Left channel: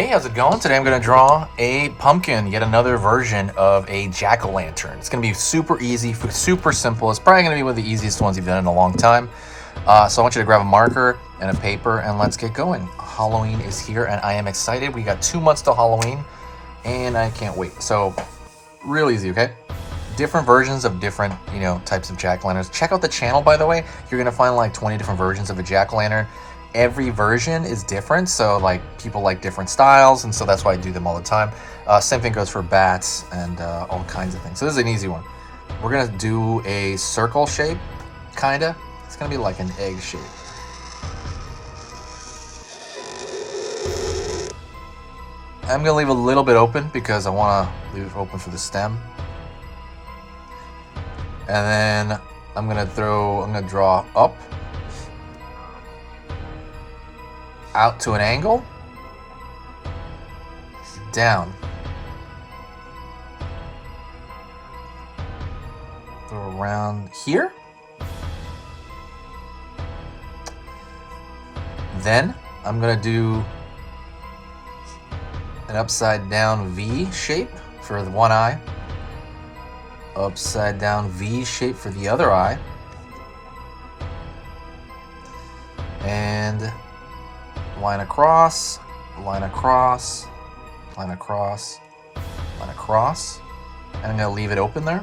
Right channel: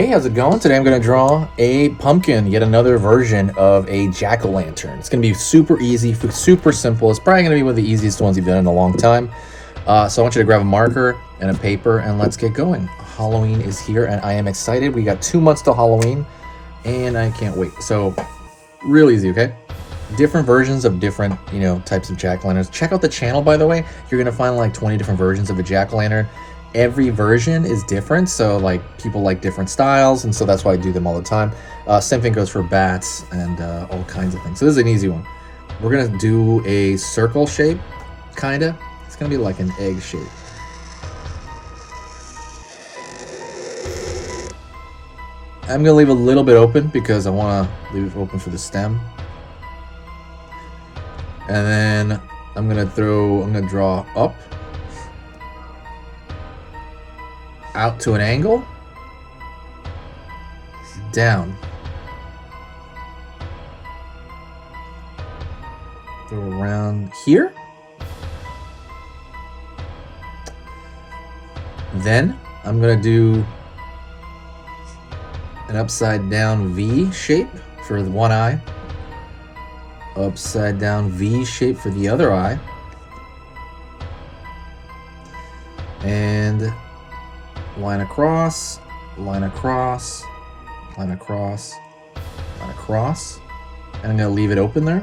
Hey, how's it going? Today I'm going to draw a pumpkin, yet another version of a jack-o'-lantern. It's going to be super easy, super simple. It's probably going to be one of the easiest ones you've done in a long time. So I want you to grab a marker and a paper and let's get going. Halloween is here and I am excited. We got 2 months till Halloween and I can't wait. So real easy, okay? Different versions of different, types of jack-o'-lanterns. Check out the channel, by the way. You're going to find like 20 different versions of a jack-o'-lantern. Every version is different, so like people like different styles, and so that's why I do them all the time. Same thing goes for bats and all kinds of things. So this is an easy one. We're gonna do a circle shape, kinda. It's gonna be like an egg shape. I'm gonna leave a little bit open because I wanna leave it open for the stem. And then I'm gonna draw up, out to an angle, down, throw around here, then I'm gonna do an upside down V shape for the one eye, upside down V shape for the other eye, and line across, line across, line across, line across, and I'm gonna leave it open there.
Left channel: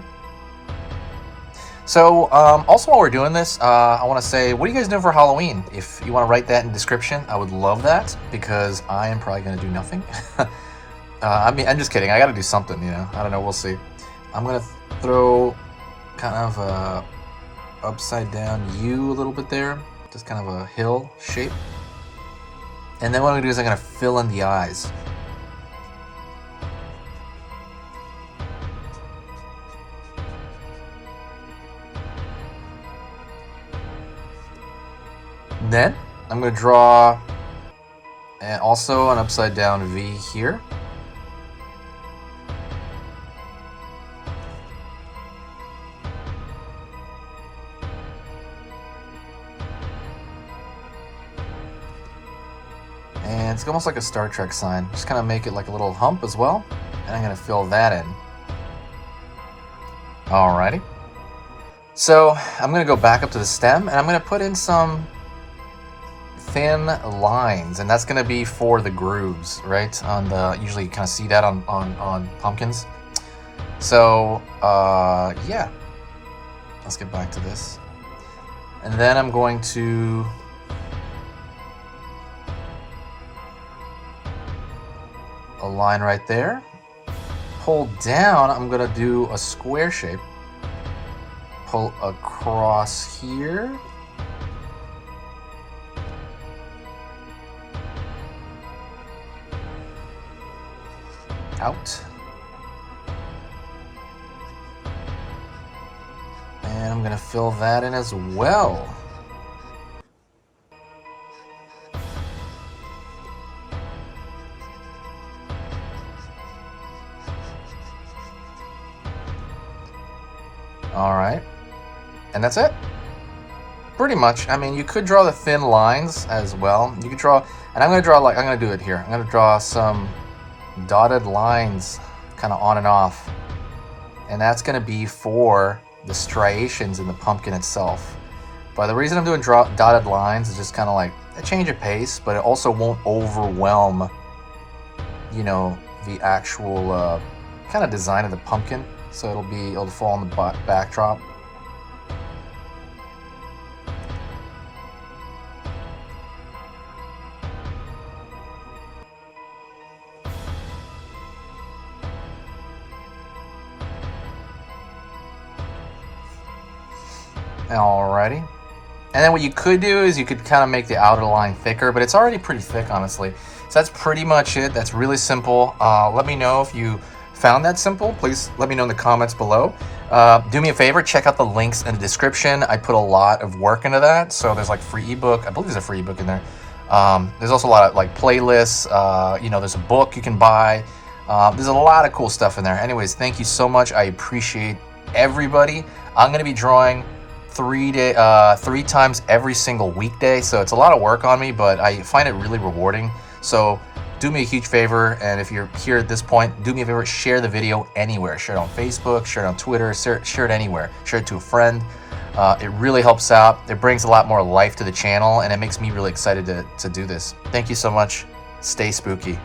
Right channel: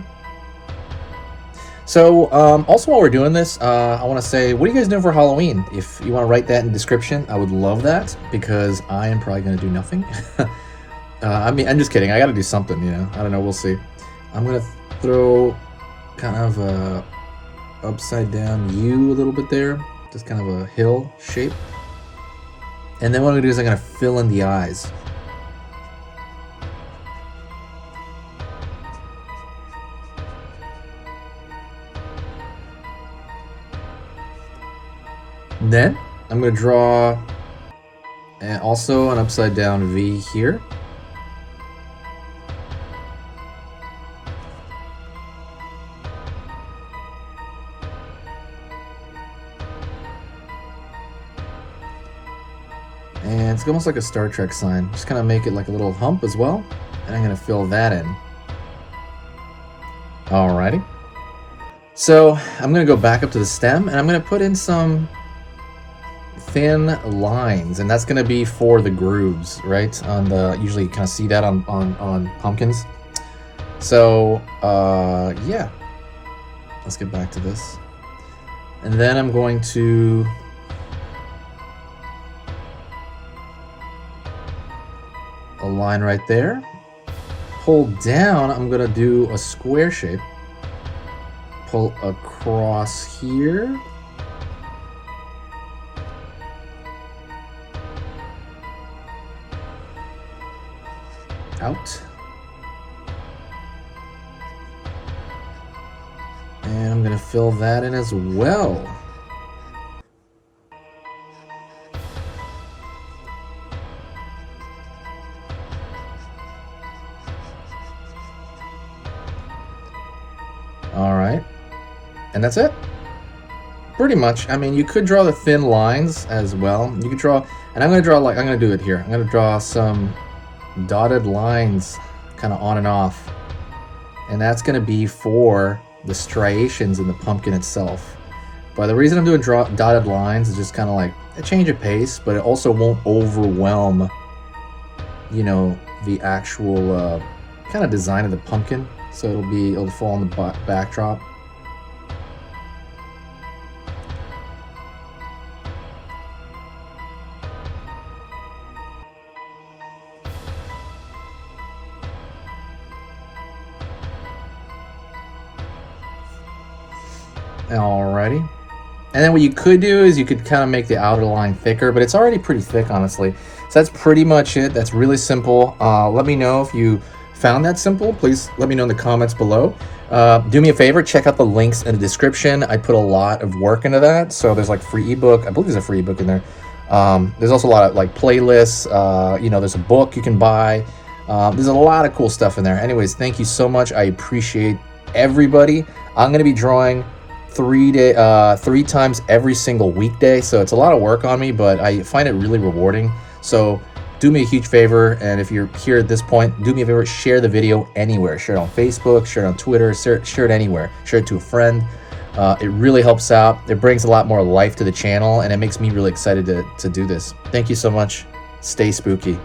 So also while we're doing this, I want to say, what are you guys doing for Halloween? If you want to write that in the description, I would love that because I am probably gonna do nothing. I'm just kidding. I gotta do something, I don't know, we'll see. I'm gonna throw kind of a upside down U a little bit there, just kind of a hill shape. And then what I'm gonna do is I'm gonna fill in the eyes. Then I'm gonna draw and also an upside down V here. And it's almost like a Star Trek sign. Just kind of make it like a little hump as well. And I'm going to fill that in. Alrighty. So I'm going to go back up to the stem and I'm going to put in some thin lines. And that's going to be for the grooves, right? Usually you kind of see that on pumpkins. So, yeah. Let's get back to this. And then I'm going to a line right there. Pull down, I'm gonna do a square shape. Pull across here. Out. And I'm gonna fill that in as well. All right, and that's it. Pretty much. I mean, you could draw the thin lines as well. You could draw, and I'm gonna do it here. I'm gonna draw some dotted lines kind of on and off. And that's gonna be for the striations in the pumpkin itself. But the reason I'm doing dotted lines is just kind of like a change of pace, but it also won't overwhelm, the actual kind of design of the pumpkin. So it'll fall on the backdrop. Alrighty. And then what you could do is you could kind of make the outer line thicker, but it's already pretty thick, honestly. So that's pretty much it. That's really simple. Let me know if you found that simple. Please let me know in the comments below. Do me a favor, check out the links in the description. I put a lot of work into that. So there's like free ebook. I believe there's a free ebook in there. There's also a lot of like playlists. There's a book you can buy. There's a lot of cool stuff in there. Anyways, thank you so much. I appreciate everybody. I'm going to be drawing 3 times every single weekday, so it's a lot of work on me, but I find it really rewarding. So do me a huge favor, and if you're here at this point, do me a favor, share the video anywhere. Share it on Facebook, share it on Twitter, share it anywhere. Share it to a friend. It really helps out. It brings a lot more life to the channel, and it makes me really excited to do this. Thank you so much. Stay spooky.